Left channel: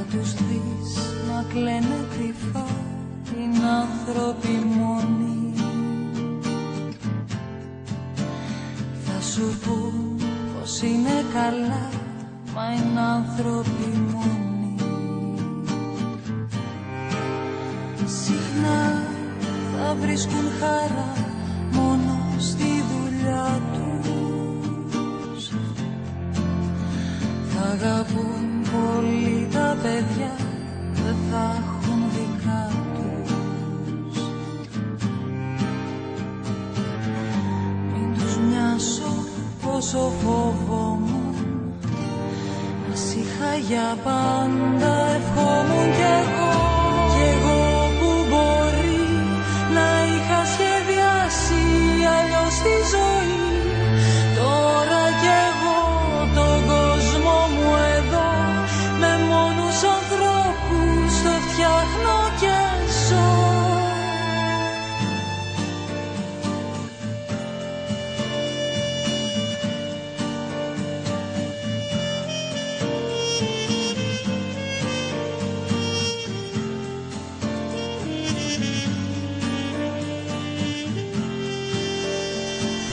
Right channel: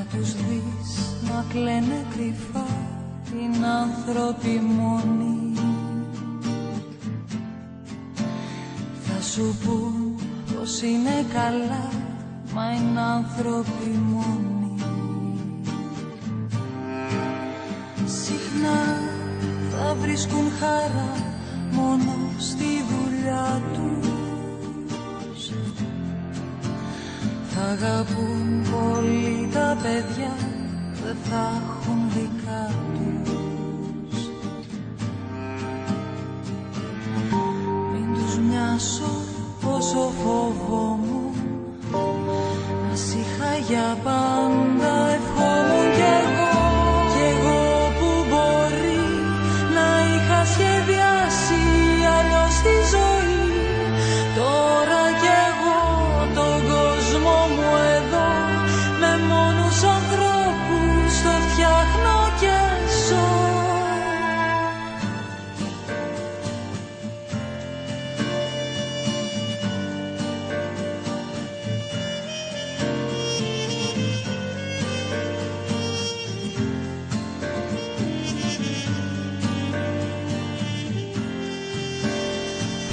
Θα τους δεις να κλαίνε κρυφά, είναι άνθρωποι μόνοι. Θα σου πουν πως είναι καλά, μα είναι άνθρωποι μόνοι. Συχνά θα βρίσκουν χαρά μόνο στη δουλειά τους. Θα αγαπούν πολύ τα παιδιά, δεν θα έχουν δικά τους. Μην τους μοιάσω πόσο φοβόμουν, να σ' είχα για πάντα ευχόμουν κι εγώ. Κι εγώ που μπορεί να είχα σχεδιάσει αλλιώς τη ζωή. Τώρα κι εγώ τον κόσμο μου εδώ, με μόνους ανθρώπους το φτιάχνω και ζω.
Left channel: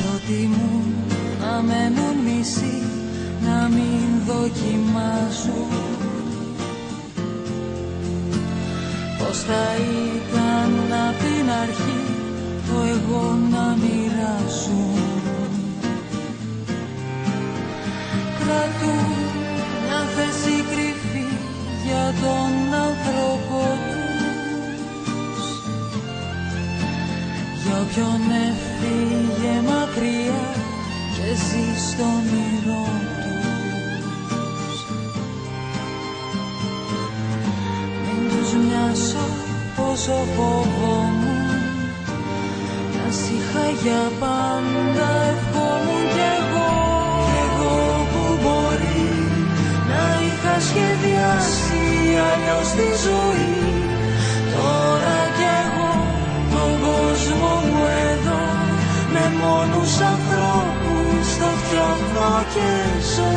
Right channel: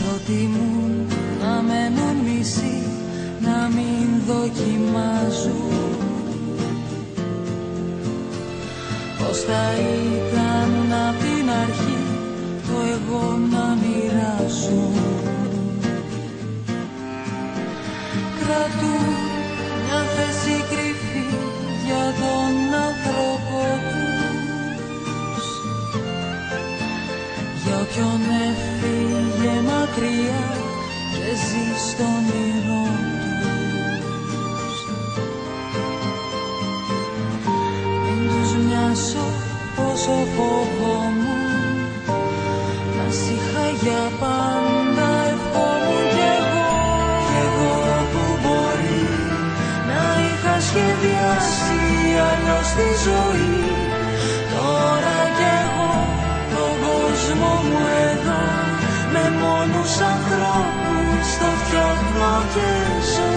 Προτιμούν να μένουν μισοί, να μην δοκιμάζουν πως θα ήταν απ' την αρχή το εγώ να μοιράζουν. Κρατούν μια θέση κρυφή για τον άνθρωπο τους, για όποιον έφυγε μακριά και ζει στον όνειρό τους. Μην τους μοιάσω πόσο φοβόμουν, να σ' είχα για πάντα ευχόμουν κι εγώ. Κι εγώ που μπορεί να είχα σχεδιάσει αλλιώς τη ζωή. Τώρα κι εγώ τον κόσμο μου εδώ, με μόνους ανθρώπους το φτιάχνω και ζω.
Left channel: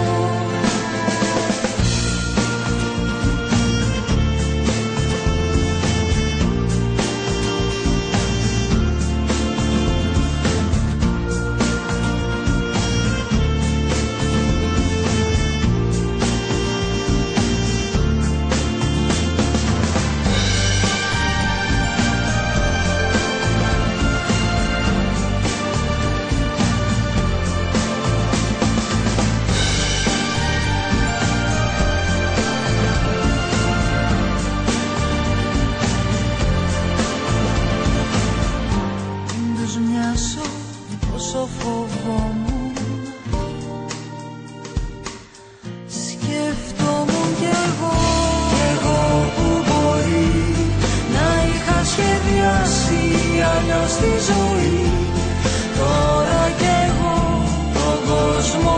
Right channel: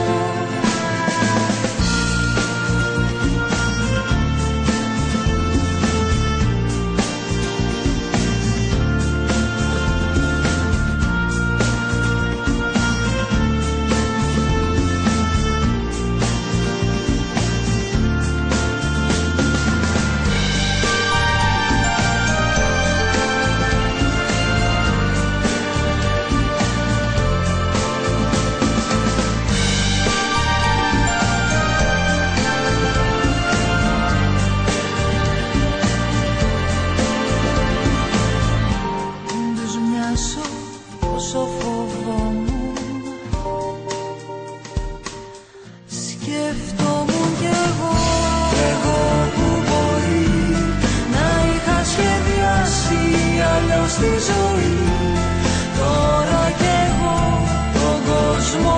Πόσο φοβόμουν, σκεφτόμουν κι εγώ. Κι εγώ που μπορεί να είχα σχεδιάσει αλλιώς τη ζωή. Τώρα κι εγώ τον κόσμο